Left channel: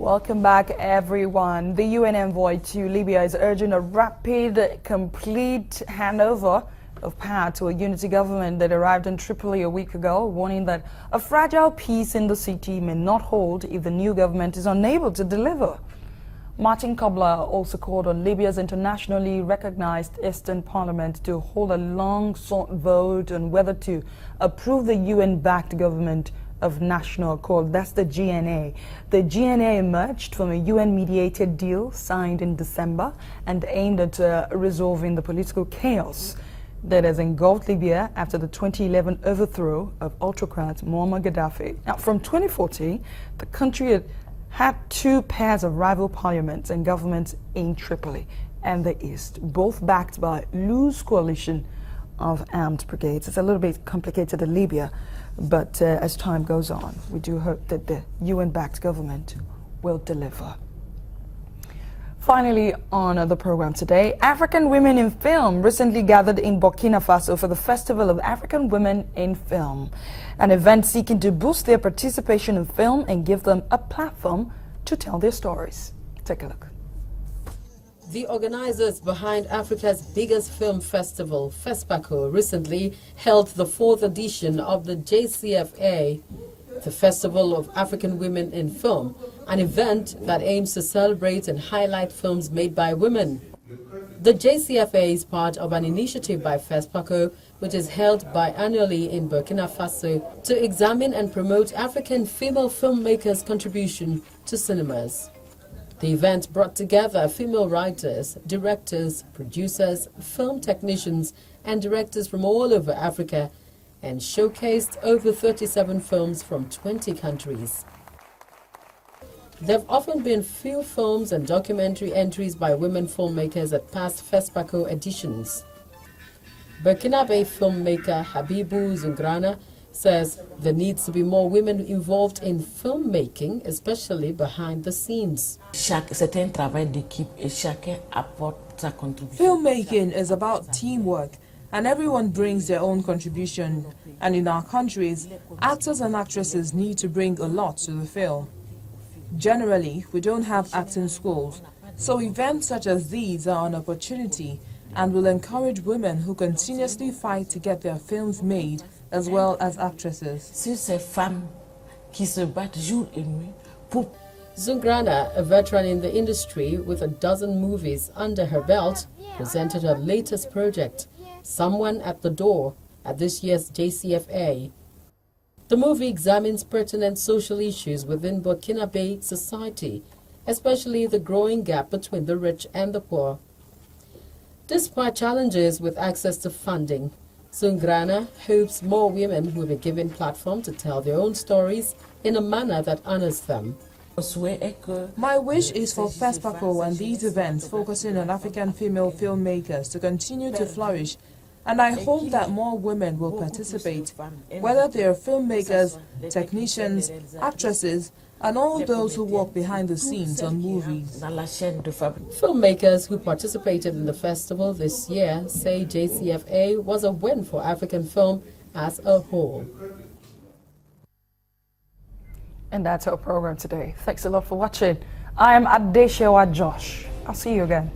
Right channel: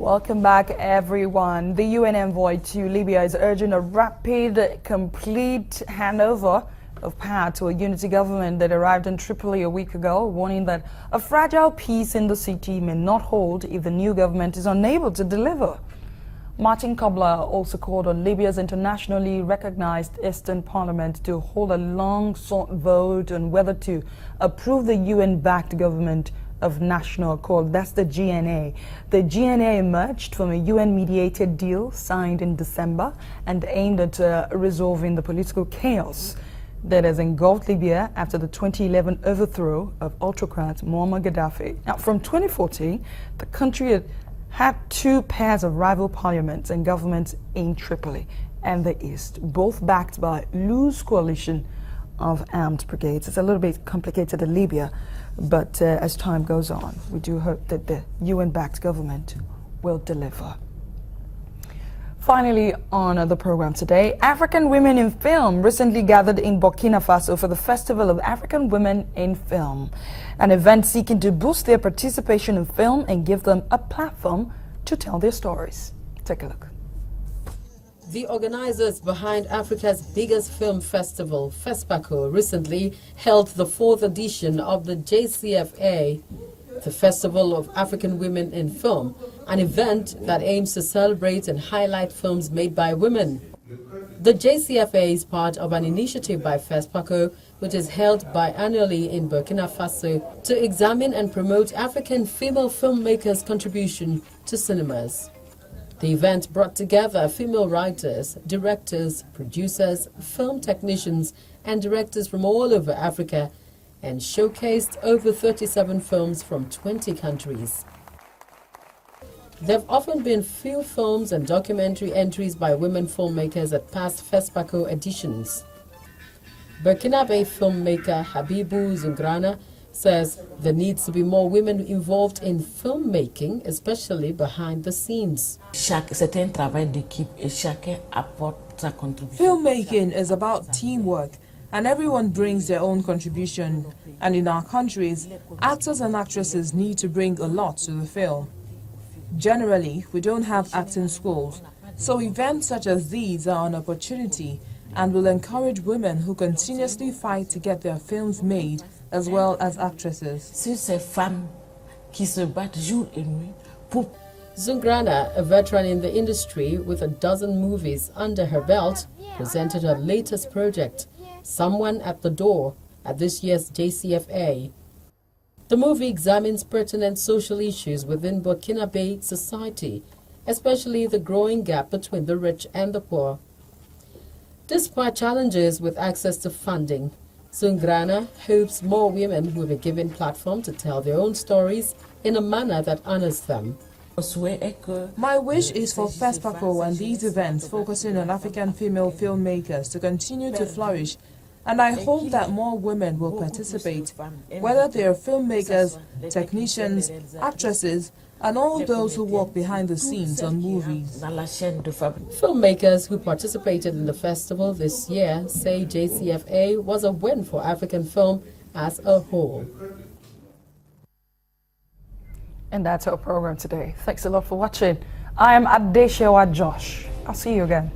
Welcome back, everyone. The UN envoy to Libya is urging a rapid, complete handover of power to a unity government that arrived in Tripoli a week ago, warning that a fragile peace in the city may not hold if the new government is unable to deliver. Martin Kobler also called on Libya's internationally recognized Eastern Parliament to hold a long-sought vote on whether to approve the UN-backed government of National Accord. That's the GNA. The GNA emerged from a UN-mediated deal signed in December and aimed at resolving the political chaos that has engulfed Libya after the 2011 overthrow of autocrat Muammar Gaddafi. Now, from 2014, the country had two pairs of rival parliaments and governments in Tripoli and the East, both backed by a loose coalition of armed brigades. It's a little bit complicated in Libya, but as time goes on, we do hope that the UN-backed government will deliver. Finally, on the program today, African women in film recently gathered in Burkina Faso for the Festival of African Women in Film, an event seeking to boost their participation in film and give them a platform to tell their stories. Take a look. The organizers behind Africa's biggest film festival, FESPACO, recently held the 4th edition of the JCFA, the Festival of African Women in Film, an event that aims to celebrate and highlight films made by women. The JCFA is part of an initiative by FESPACO, which is held biannually in Burkina Faso to examine and promote African female filmmakers' contribution to cinemas. The event brought together female writers, directors, producers, film technicians, and directors from all over Africa and showcased over 37 films from 20 countries. There have often been few films and documentary entries by women filmmakers at past FESPACO editions. Burkinabe filmmaker Habibu Zungrana says there needs to be more women involved in filmmaking, especially behind the scenes. Filmmaking is about teamwork, and everyone brings their own contribution. And in our countries, actors and actresses need to bring a lot to the film. Generally, we don't have acting schools, so events such as these are an opportunity and will encourage women who continuously fight to get their films made, as well as actresses. Zungrana, a veteran in the industry with a dozen movies under her belt, presented her latest project, Someone at the Door, at this year's JCFA. The movie examines pertinent social issues within Burkinabe society, especially the growing gap between the rich and the poor. Despite challenges with access to funding, Zungrana hopes more women will be given platform to tell their own stories in a manner that honors them. My wish is for FESPACO and these events focusing on African female filmmakers to continue to flourish, and I hope that more women will participate, whether they are filmmakers, technicians, actresses, and all those who work behind the scenes on movies. Filmmakers who participated in the festival this year say JCFA was a win for African film as a whole. And that's our program today. Thanks a lot for watching. I'm Adeshewa Josh. I'll see you again.